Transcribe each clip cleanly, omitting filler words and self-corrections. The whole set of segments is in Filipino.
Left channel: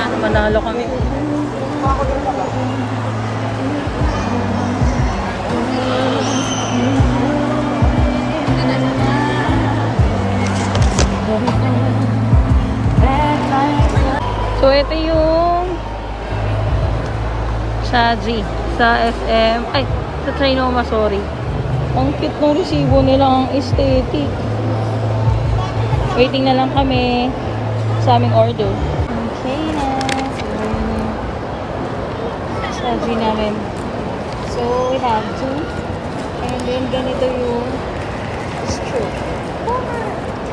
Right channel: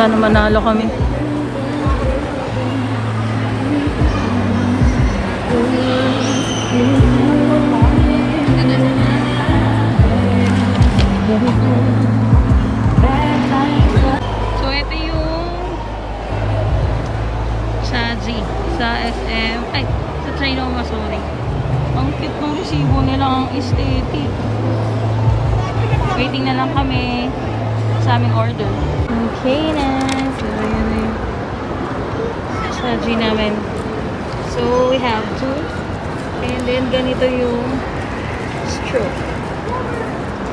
Sana manalo kami. So, ito yung Shaji sa SM. Ay, sa Trinoma, sorry. Ang cute ng resibo nila, ang aesthetic. Waiting na lang kami sa aming order. Okay na. So, ayun na yung Shaji namin. So, we have two. And then, ganito yung straw.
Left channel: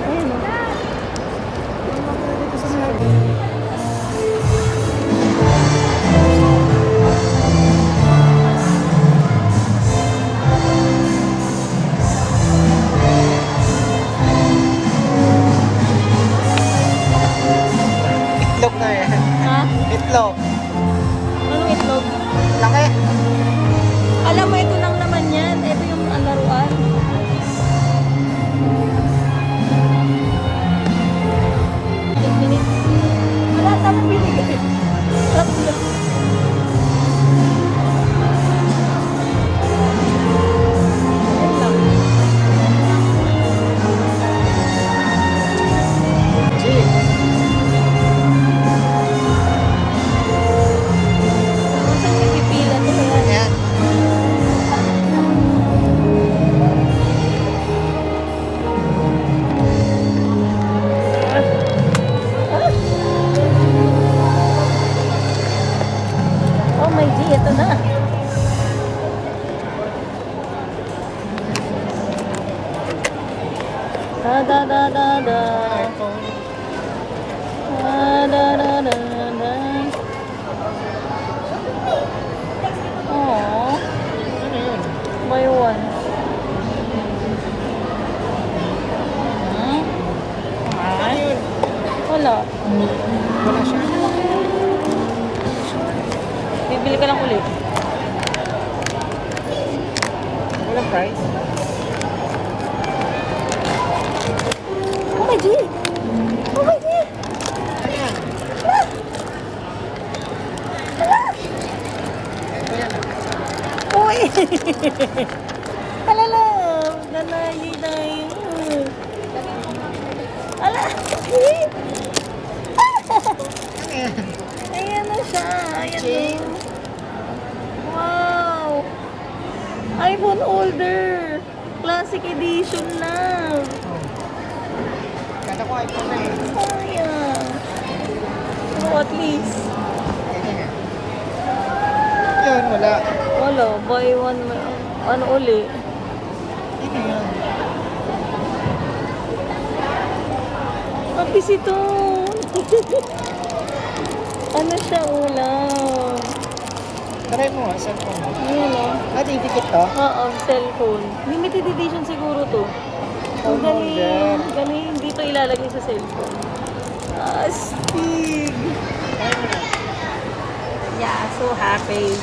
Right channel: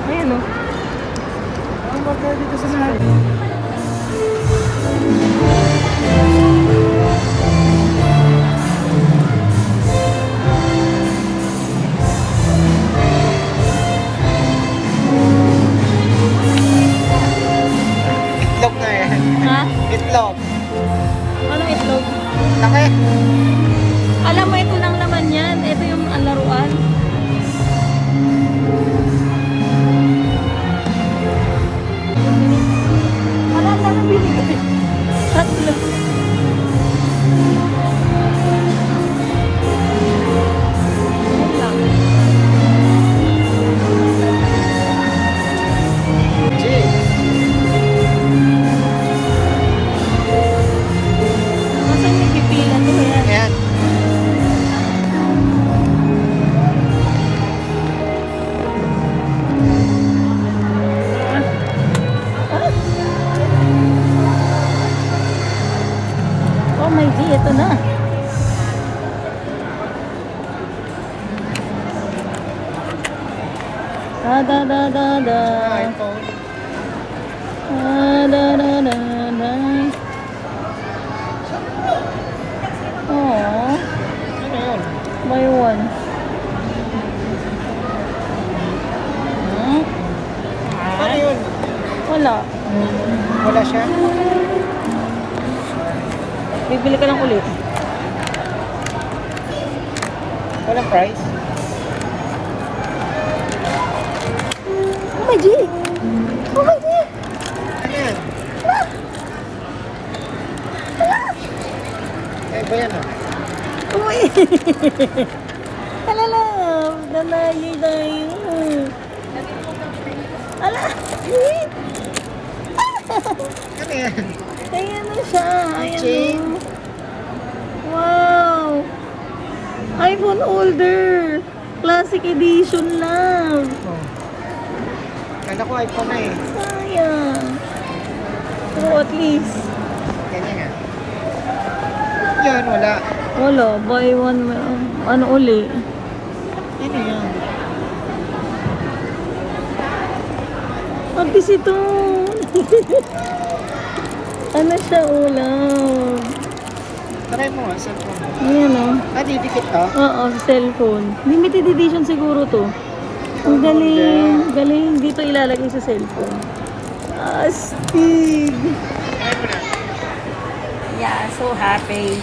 Ayan o. Ano ba pwede ko sa mga? Itlog na yan. Itlog. Anong itlog? Laki. Alam mo, ito lang naman yan. Ito yung laruan. Wala na akong binigay. Tatlo. Ayan. Oh my G, ito na. Da da da da da. iPhone. Da da da da da. Aww, Ano yun? may one. Ano yun? Wala. Wala siya? Bibili ka lang ulit. Walang price? Oh my G! Oh my G! Ano yan? Eh, ba yan ah? Uy! Alala! Dalali tayo! Ala! Ano yan? Ayan na siya! Ayan Chain? na. Wow! iPhone holder! Classic edition na! Oh. Kala ko iPhone na eh. Ayan! Oh, at least. Ganyan nga. Yun, wala. Wala, buy one, ano uli? Ano yan? Abis ito! Ano siya, ulam? Try mo ah, cellphone. Ayan o. Ah, didikit to? Oo, cellphone. Limited edition siguro to. Ang Oh, galing. Galing. Dito ilalagay sa cellphone. Astig! Try mo na. Yeah, so happy.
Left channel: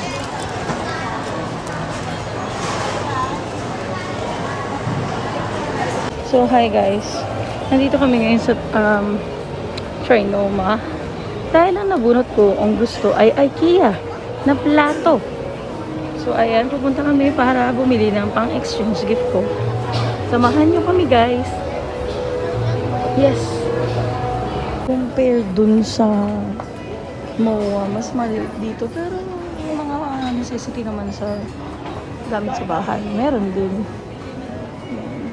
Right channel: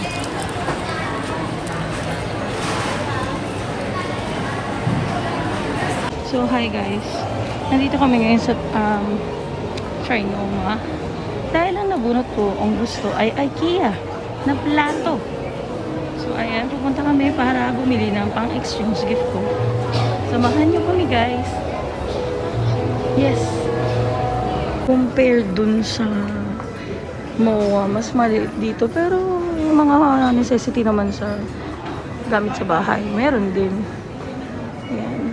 So, hi guys. Nandito kami ngayon sa Trinoma. Dahil ang nabunot ko, ang gusto ay IKEA na plato. So, ayan, pupunta kami para bumili ng pang-exchange gift ko. Samahan nyo kami, guys. Yes. Compare dun sa MOA, mas maliit dito. Pero, yung mga necessity naman sa gamit sa bahay, meron din. Ayan.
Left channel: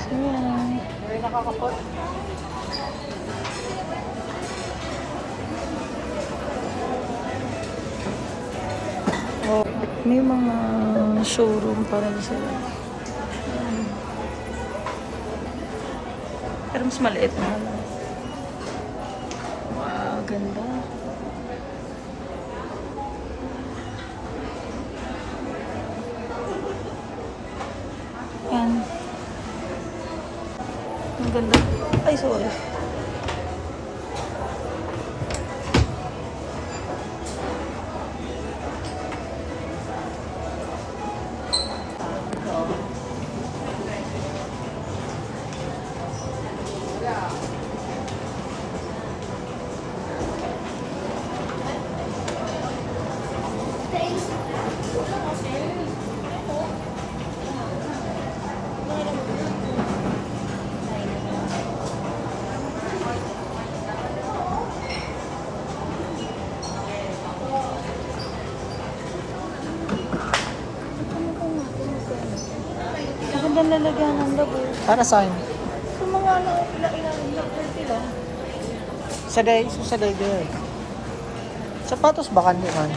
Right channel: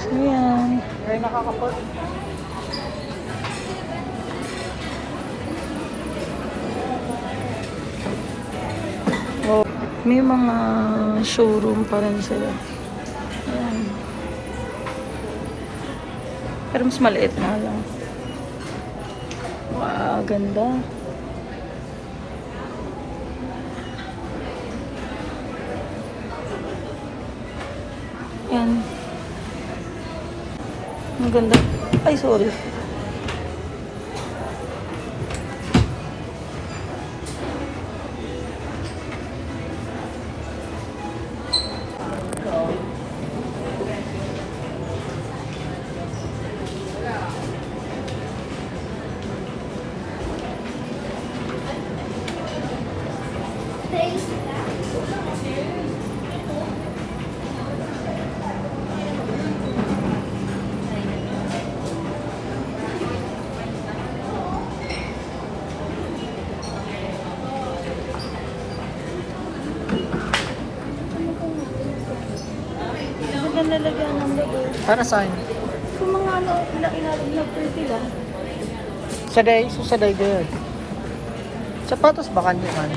So, ayan. Oh, may mga showroom pa rin sila. Ayan. Pero mas maliit na lang. Wow, ganda. Ayan. Ang ganda. Ay, sorry. Para saan? So, mga nag-30 lang. Sa day good. Sapatos ba kandi man?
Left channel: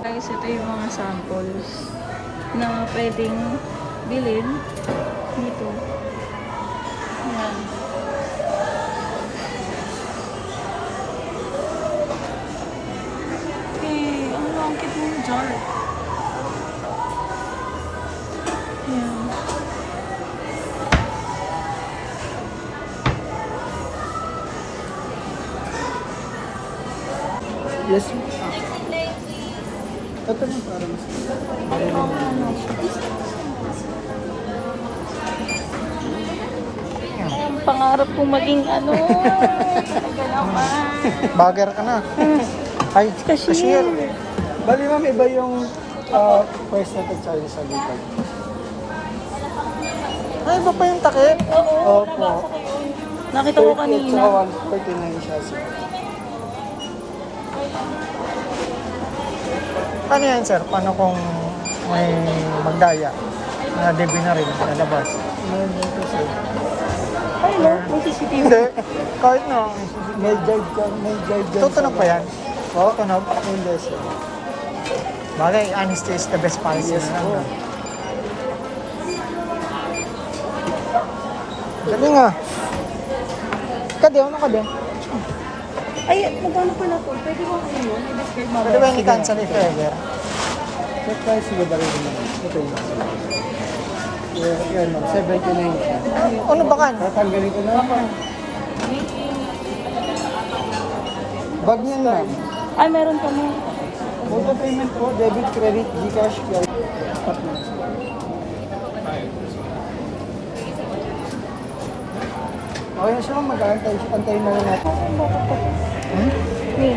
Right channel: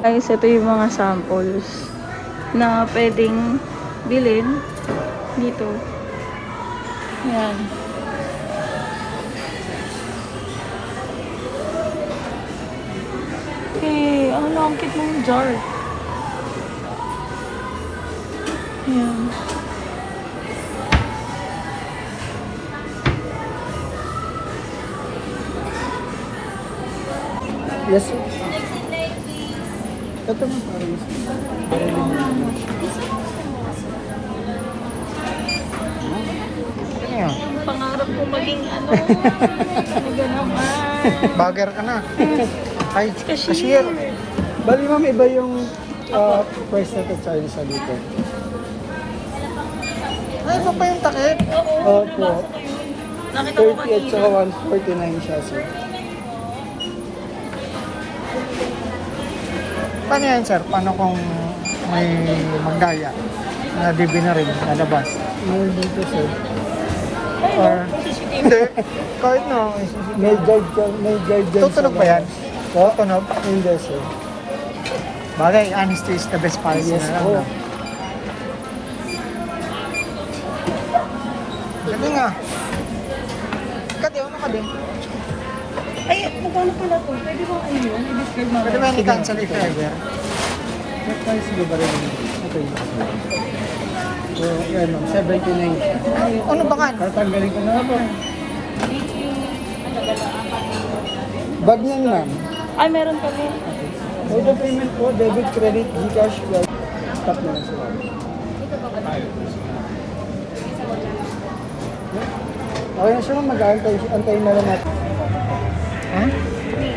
Guys, ito yung mga samples na pwedeng bilhin dito. Yan. Okay, ang langkit mong jar. Yan. Yes. Ito na parang Pangarap kong maging ano. Ano naman. bagger ka na. Ay, cashier. Bali ma'am, iba yung price na to Chinese sa dito. Ay, iba pa yung takip. Oo, Opo. nasa ko yun. Nakita ko 30 at kanina. saka 149 siya sir. Paano yan, sir? Paano kung may magdaya na DB na rin lalabas? May dito sir. Or, hindi. Kahit no, May guide ka, may guide dyan. tutunog ba yan? Tutunog? Hindi sir. Bagay, honesty is the best policy Yes, na lang. po. No? Galing nga. Kadi, ano ka din? Ay, magkano pala to? Pwede ba kayo yun? I-describe mo. Pwede ba ni-cancel if ever? Sa price niya ba rin yun? Ito yun. So, yan ma'am, 79 siya. Ano ba kan? Tatanggalin ko na lang po. Bag niyan ma'am. Ay, meron kami. Mode of payment po, debit, credit, Gcash, credit. Stop na lang sa bag. Okay na siya ma'am, antayin na lang natin. Hmm? Me.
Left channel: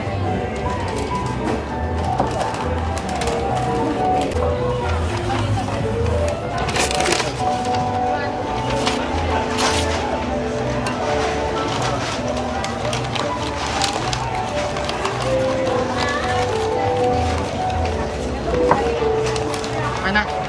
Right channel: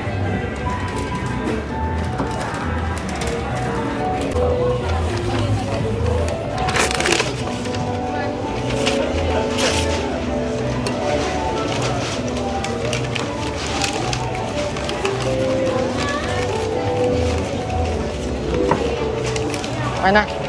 Anak.